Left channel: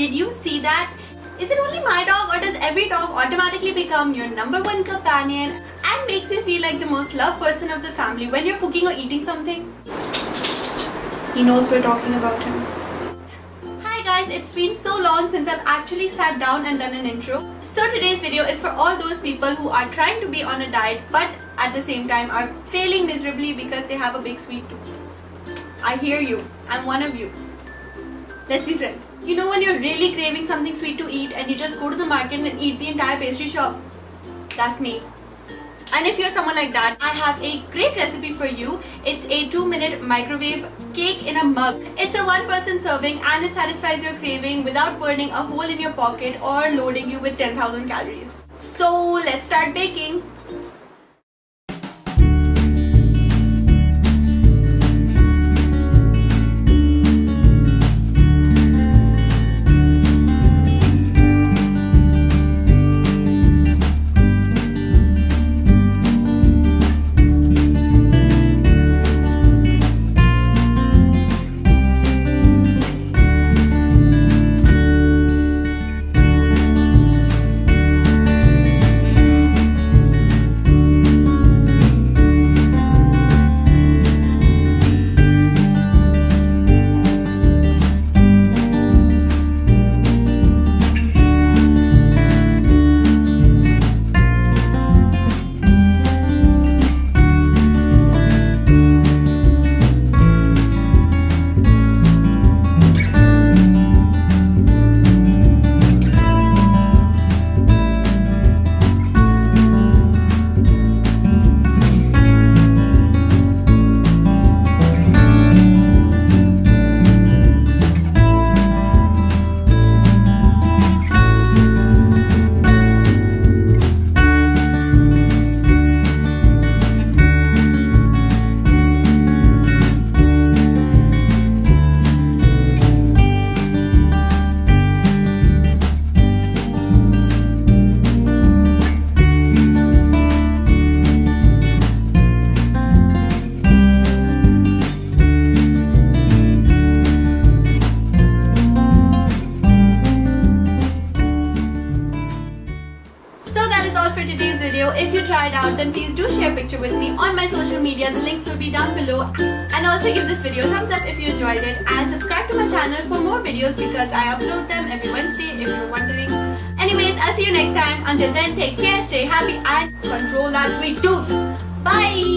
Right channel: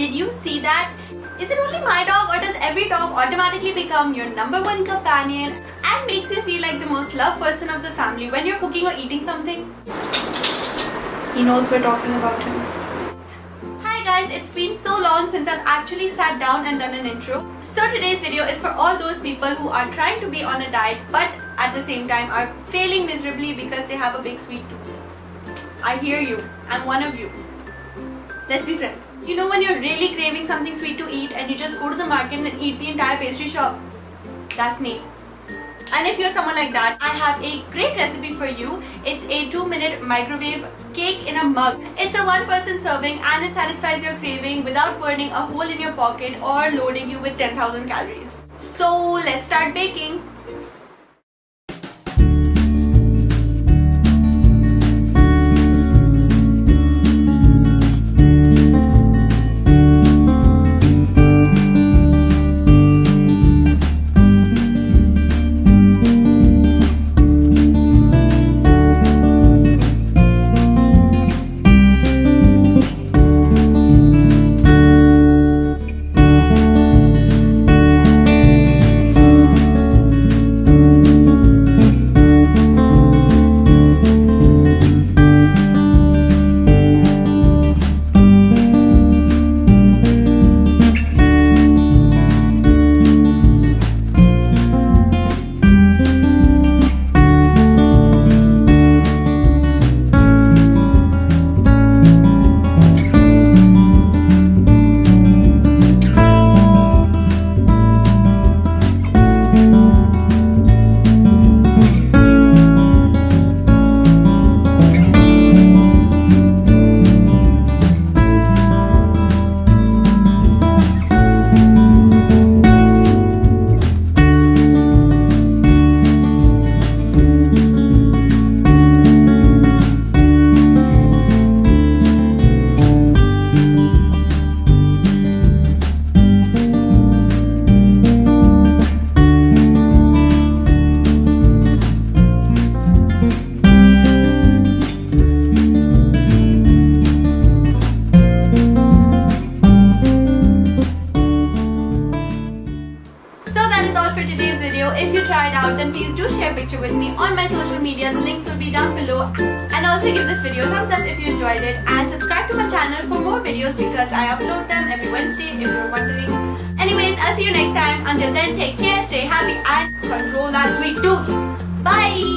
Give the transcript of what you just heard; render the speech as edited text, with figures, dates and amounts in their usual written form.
Did you see that? Is it only my dog, or does every dog automatically become your #1 companion and makes you feel like the most loved person of the family when you're cooking or eating something? He knows we're talking about him. Hi guys, it's been so long since I've actually sat down and done an intro. So today's video is for all those people who are trying to be on a diet but at the same time are failing miserably because they have a big sweet tooth. I hear you. I'm one of you. Let's be friends. You know when you're really craving something sweet to eat and you just go to the market and eat the entire pastry shop? That's me. And if you're someone like that, I have a great recipe for you. It's a 2-minute microwave cake in a mug. It's a 1-person serving and it satisfies your craving without burning a hole in your pocket or loading you with 10,000 calories. So let's start baking. For today's video. If you tried out, then please do share a picture with me on my social media. The links will be down below, and also give this video a thumbs up if you enjoyed it, and subscribe to my channel for more videos because I upload them every Wednesday if you're wondering. Anyways, I'll see you next time. Until then, take care, stay happy and control that sweet tooth. Bye.